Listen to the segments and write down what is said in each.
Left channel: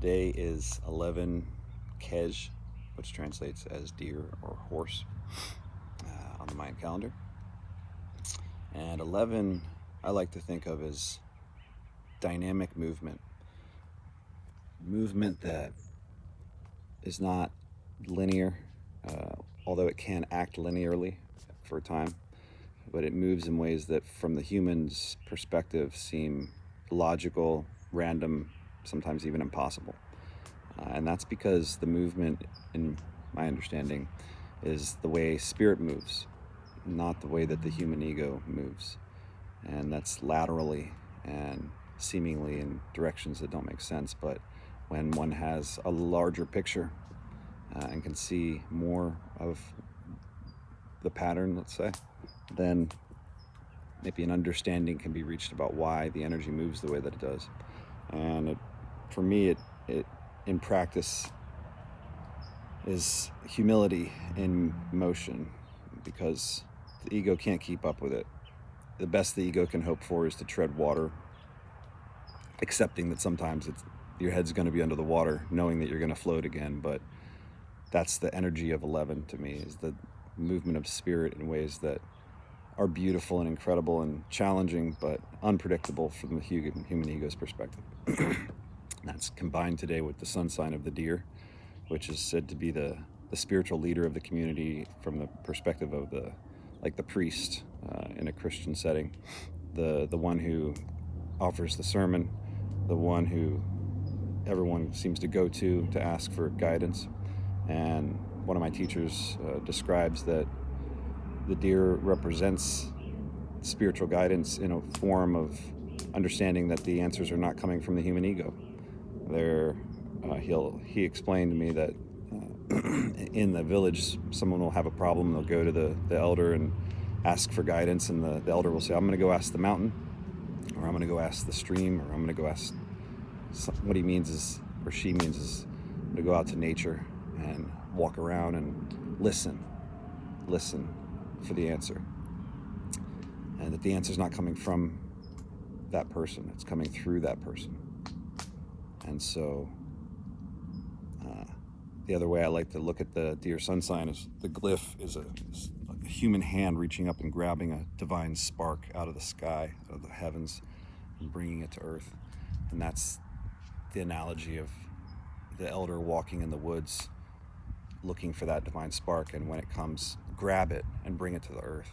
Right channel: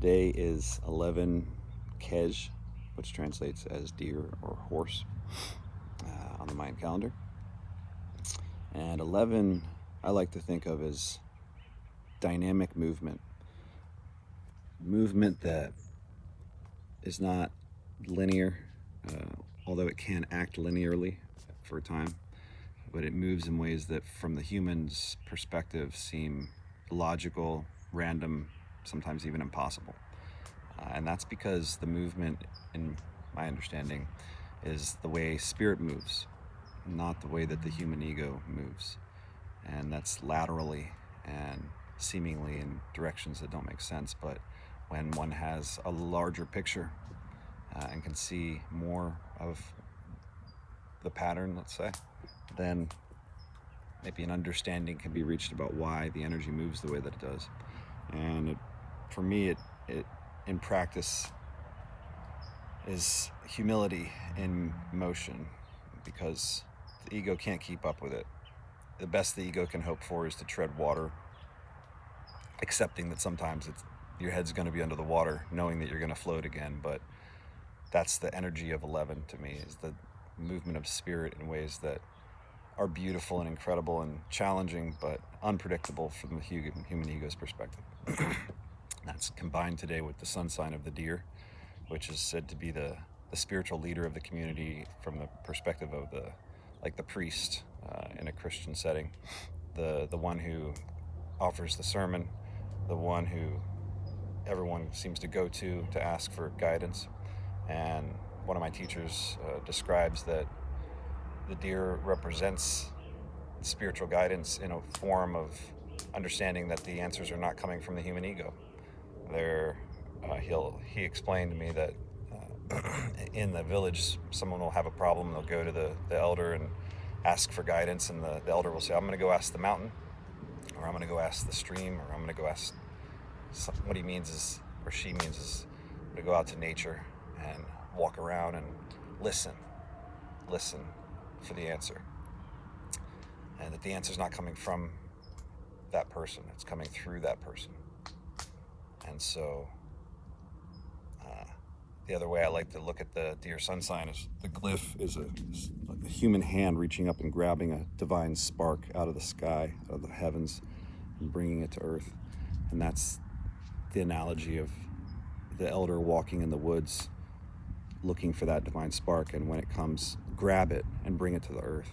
Today is 11 Kej, which translates as deer or horse on the Mayan calendar. And 11 I like to think of as dynamic movement. Movement that is not linear, although it can act linearly for a time, but it moves in ways that from the human's perspective seem logical, random, sometimes even impossible. And that's because the movement, in my understanding, is the way spirit moves, not the way that the human ego moves. And that's laterally and seemingly in directions that don't make sense. But when one has a larger picture and can see more of the pattern, let's say, then maybe an understanding can be reached about why the energy moves the way that it does. And for me, it in practice is humility in motion, because the ego can't keep up with it. The best the ego can hope for is to tread water, accepting that sometimes your head's going to be under the water, knowing that you're going to float again. But that's the energy of 11 to me, is the movement of spirit in ways that are beautiful and incredible and challenging, but unpredictable from the human ego's perspective. That's combined today with the sun sign of the deer, which is said to be the spiritual leader of the community from the perspective of the priest in a Christian setting, the one who offers the sermon, the one who everyone seems to go to ask for guidance. And one of my teachers describes that the deer represents spiritual guidance in a form of understanding that the answers are not coming from the human ego. He explained to me that in the village, someone will have a problem, they'll go to the elder and ask for guidance, and the elder will say, I'm going to go ask the mountain, or I'm going to go ask the stream, or I'm going to go ask what he means is, or she means is, to go out to nature and walk around and listen for the answer, and that the answer is not coming from that person, it's coming through that person. And so the other way I like to look at the deer sun sign is the glyph is like a human hand reaching up and grabbing a divine spark out of the sky, out of the heavens, and bringing it to earth. And that's the analogy of the elder walking in the woods looking for that divine spark, and when it comes, grab it and bring it to the earth,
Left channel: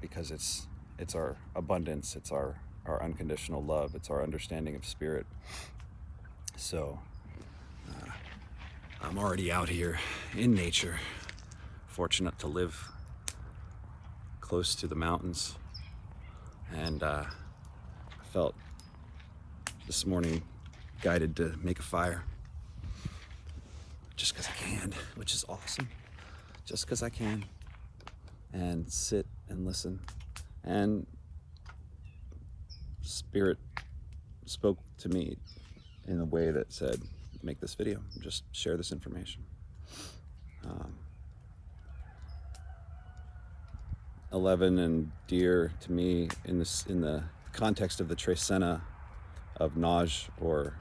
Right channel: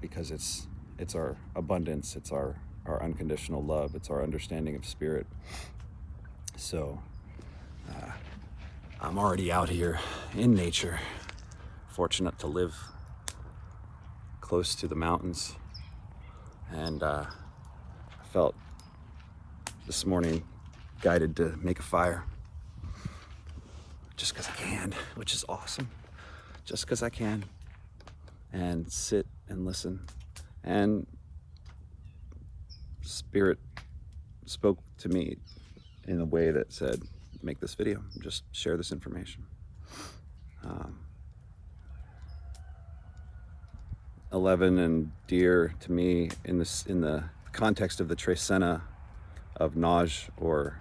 because it's our abundance, it's our unconditional love, it's our understanding of spirit. So I'm already out here in nature, fortunate to live close to the mountains, and I felt this morning guided to make a fire just because I can, which is awesome, just because I can, and sit and listen. And Spirit spoke to me in a way that said, make this video, just share this information. 11 and deer to me in the context of the Trecena of Naj, or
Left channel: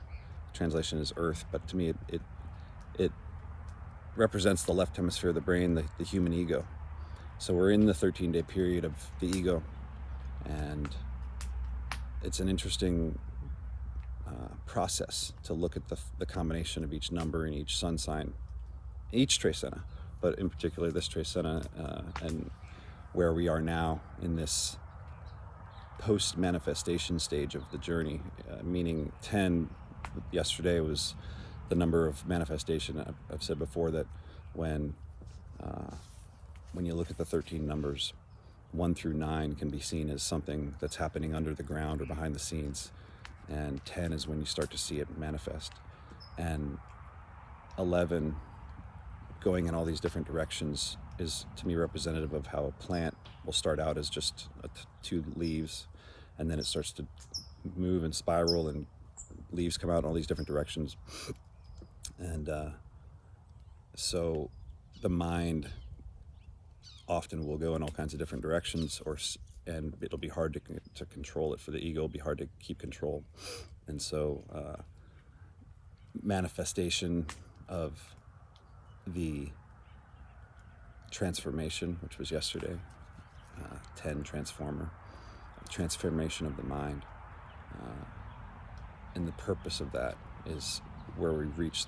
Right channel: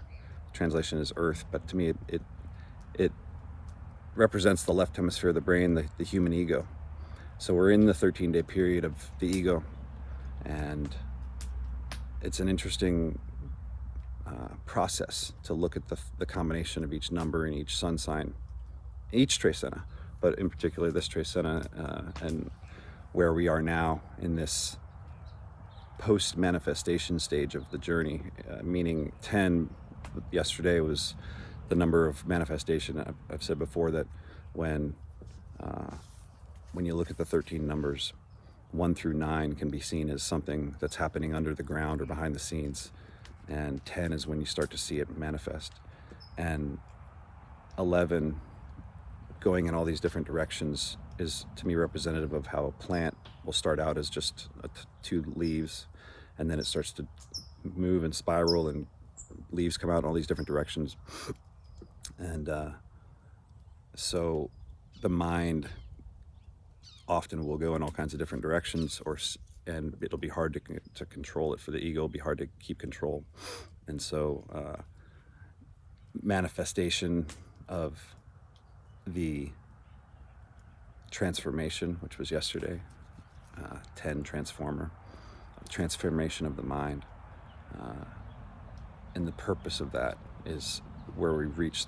translation is earth, but to me it represents the left hemisphere of the brain, the human ego. So we're in the 13-day period of the ego, and it's an interesting process to look at the combination of each number in each sun sign, each Trecena, but in particular this Trecena, and where we are now in this post-manifestation stage of the journey, meaning 10 yesterday was the number of manifestation. I've said before that when you look at the 13 numbers, 1 through 9 can be seen as something that's happening under the ground or behind the scenes, and 10 is when you start to see it manifest. And 11 going in all these different directions is, to me, representative of how a plant will start out as just 2 leaves, and then it starts to move and spiral, and leaves come out in all these different directions. And so the mind often will go in all kinds of different directions, and it'll be hard to control it. For the ego, it'll be hard to keep control. And so manifestation of the transformation, which was yesterday, 10 transformation of the mind. And the purpose of that is where we reach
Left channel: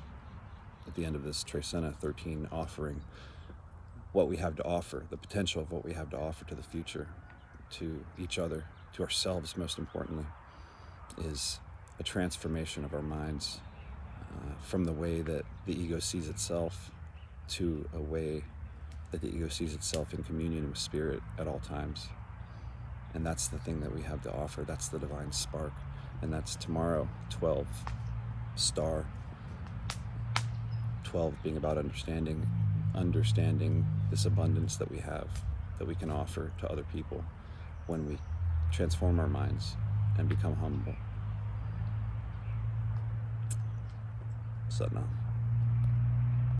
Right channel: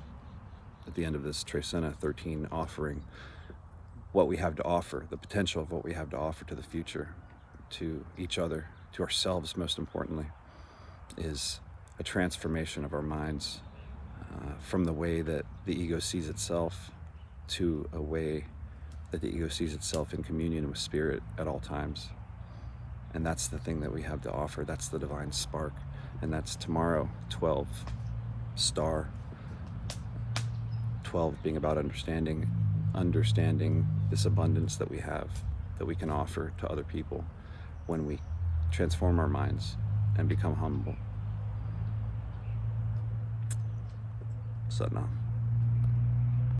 at the end of this Trecena 13 offering, what we have to offer, the potential of what we have to offer to the future, to each other, to ourselves most importantly, is a transformation of our minds from the way that the ego sees itself to a way that the ego sees itself in communion with spirit at all times. And that's the thing that we have to offer. That's the divine spark. And that's tomorrow, 12 star. 12 being about understanding this abundance that we have, that we can offer to other people when we transform our minds and become humble. Satnam.